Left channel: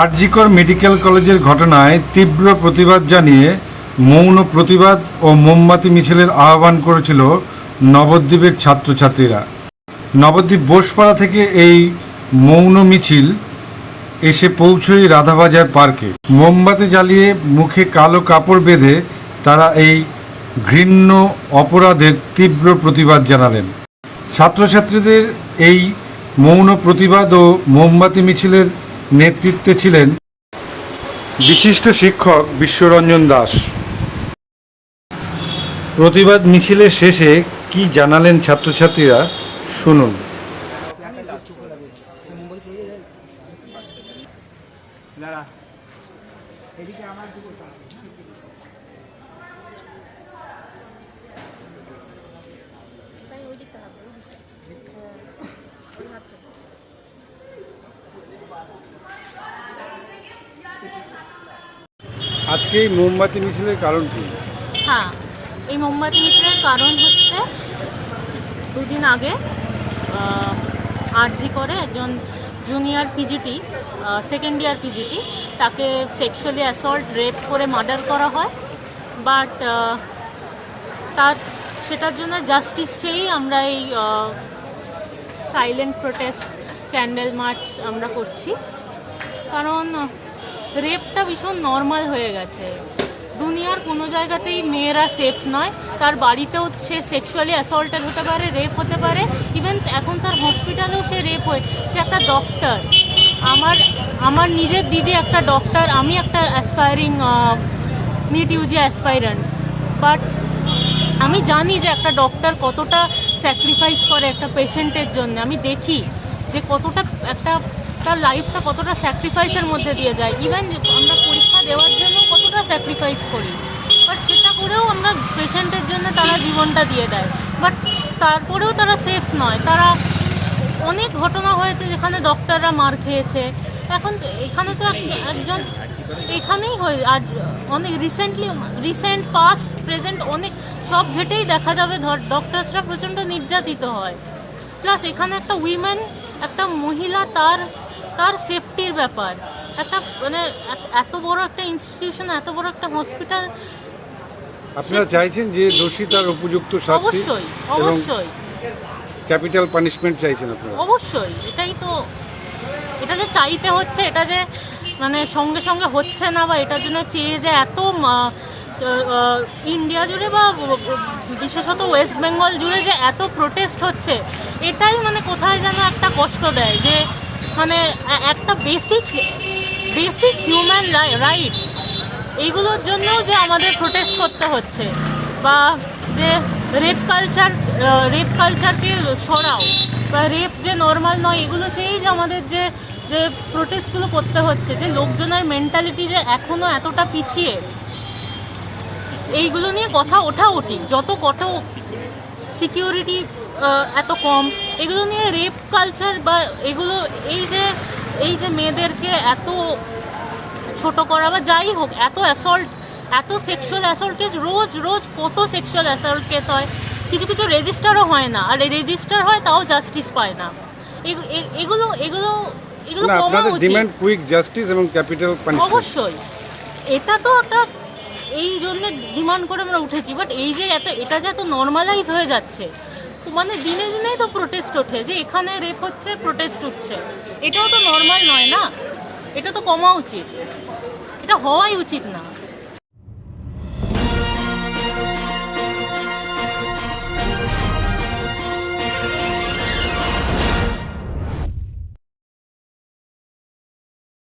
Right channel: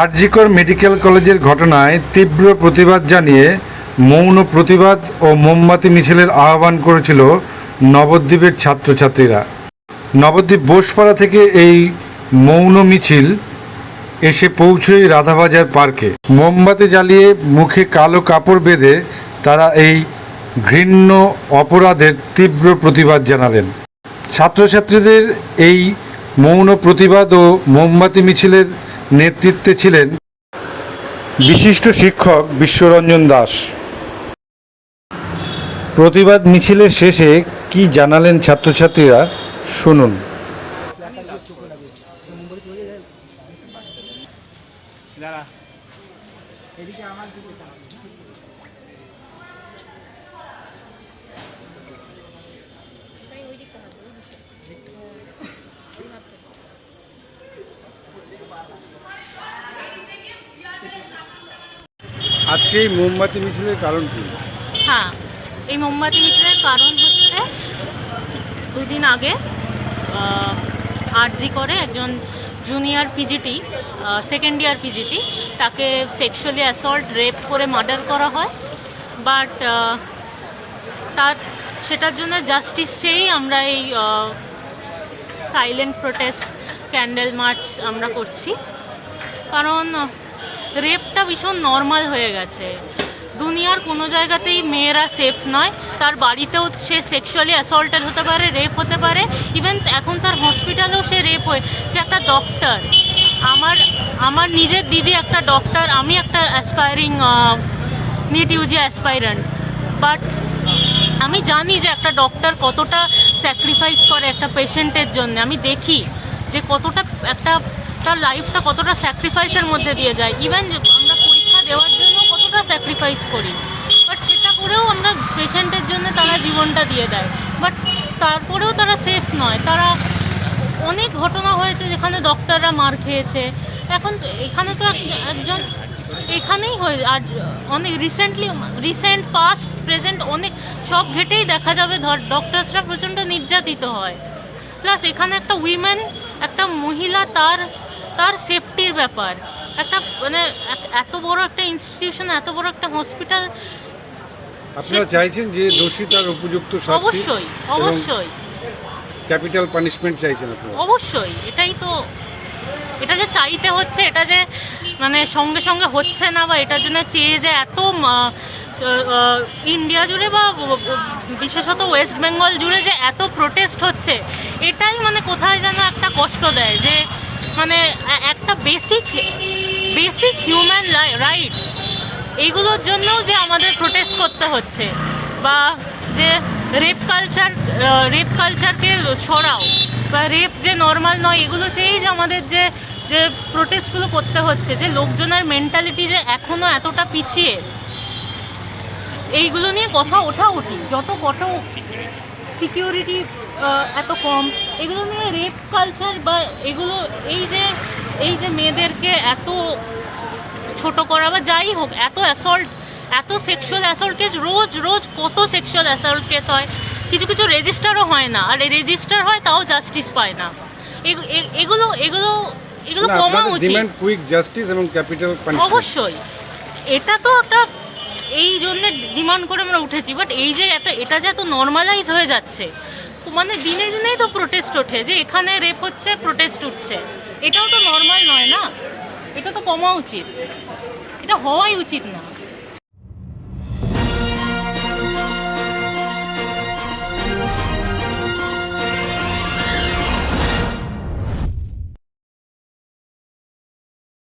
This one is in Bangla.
আরজিকর মেডিকেল কলেজের ঘটনায় তীব্র প্রতিবাদ জানিয়ে মৌন প্রতিবাদ ও মোমবাতি মিছিলের আহ্বান করেছিল নবদ্বীপের ছাত্রছাত্রীরা। নবদ্বীপ বোসপাড়া থেকে এই মৌন মিছিল এসে পৌঁছয় রাধাবাজার পার্কে। মোমবাতি জ্বালিয়ে মুখে কালো কাপড় বেঁধে তারা এই ঘৃণ্য অপরাধের তীব্র প্রতিবাদ জানালেন। ছাত্রছাত্রীদের এই মৌন প্রতিবাদ ও মোমবাতি মিছিলের নেতৃত্বে ছিলেন বিশিষ্ট শিক্ষক বিশ্বরঞ্জন দাস। প্রতিবাদ মিছিলের শেষে কি জানালেন ছাত্রছাত্রীরা? শুনুন। আজকে এই মোমবাতি মিছিলের কারণ কি? হ্যাঁ এই মোমবাতি মিছিলের কারণ হচ্ছে দুদিন আগে আরজি করে একজন junior PGT second year PGT তাকে সেক্সুয়ালি অ্যাসল্ট রেপ করে মার্ডার করা হয়। বাট তার, সেটার জন্য জাস্টিস চেয়েই আমরা এই সাইলেন্ট প্রোটেস্ট ক্যান্ডেল মার্চ আমরা করছি। কারণ রেপটা ভীষণ নর্মাল হয়ে গেছে। দুনিয়ার কোনো জায়গাতেই মেয়েরা সেফ নয়। তার বাড়িতেও সে সেক্সুয়ালি অ্যাসল্টেড হতে পারে রেপ হতে পারে। ইভেন এখন তার হসপিটালেও সে রেপ হয়ে। সে একটা ডক্টর আমার আমার নিজের দিদি একটা ডক্টর আমি একটা aspiring NEET UG aspirant but আমি জানি যে একটা ডক্টর কতটা স্যাক্রিফাইস করে একটা পেশেন্টের জন্য। আমি দেখি যে কতটা একটা তার লাইফটা কতটা স্যাক্রিফাইসের মধ্যে দিয়ে যায়? ইভেন আমরা পরীক্ষা দেওয়ার জন্য কতটা স্যাক্রিফাইস করি। বাট সেটা করেও আমরা পেশেন্টের জন্য তারা জীবনটা দিয়ে দেয়। বাট তারপরেও তারা সেফ নয়। তারা অনেক ঘটনা হয়েছে যেখানে ডক্টররা মার খেয়েছে। এখন এখানে তো এক- একজন এখানেই হয়ে আর অনেক রিসেন্টলি রিসেন্ট পাস্ট প্রেজেন্ট অনেক সব ঘেটেই দেখা যাবে। ধর ডক্টরসরা প্রচণ্ড নির্যাতিত হয়। প্লাস এখানে একটা উইমেন একটা মহিলা তার তার সেফটির ব্যাপার। একটা মানে এত বড় একটা ইনস্টিটিউশন এত বড় একটা হসপিটাল আপনারা চাইছেন যে দোষী তার উপযুক্ত শাস্তি অবশ্যই অবশ্যই। ক্যাপিটাল পানিশমেন্ট চাইছেন আপনারা। অবশ্যই এটাই তো এটা যে চাইতে হচ্ছে এটা যে মানে সঙ্গে সঙ্গে হচ্ছে না বা এটার জন্য চেয়ে যে এত ইন্ডিয়া জুড়ে বা বিশেষত ওয়েস্ট বেঙ্গল জুড়ে যে এত প্রোটেস্ট হচ্ছে এটাই মানে কোথায় যেন একটা কষ্ট দেয় যে মানে একটা বেসিক বেসিক হিউম্যান রাইট এইগুলোর জন্যও যে আমাদের প্রোটেস্ট করতে হচ্ছে বা যে রেপ কালচার রেপ কালচারকে সরাও বা রেপ যে নর্মাল নয়, এগুলো চেয়েই যে আমাদের যে যে প্রোটেস্টগুলো করতে হচ্ছে, যে লোকজনের মেন্টালিটি যে এখনও এতটা পিছিয়ে, এইগুলো নিয়ে কথা ওঠা উঠি যত কত সিকিউরিটি এত কম। এগুলো নিয়ে রেপ কালচার বা এগুলো এই যে এই যে মেয়েদেরকে এত ছোট করা বা যাই হোক এত অ্যাসল্ট এত সেক্সুয়াল অ্যাসল্ট কেস রোজ রোজ কত সেক্সুয়াল অ্যাসল্ট কেস হয়। কিছু কিছু রেজিস্টারও হয় না। আর রেজিস্টার হয় তাও জাস্টিস পায় না। এগু- এগুলো এগুলো এগুলো কমা উচিত। ডিমান্ড কুইক জাস্টিস এবং ক্যাপিটাল পানিশমেন্ট অবশ্যই। এটা তো একটা এই জন্য ডিমান্ড করে আমরা উঠেছি। বাট এই যে এত এটা যে এত নর্মালাইজ হয়ে যাচ্ছে মানে দিনে দিনেই তো প্রোটেস্ট ওঠে, যে এখানে রেপ হচ্ছে প্রোটেস্ট উঠছে। এটাও তো নর্মাল নয় না? এটা তো কমা উচিত। এটা হওয়াই উচিত না।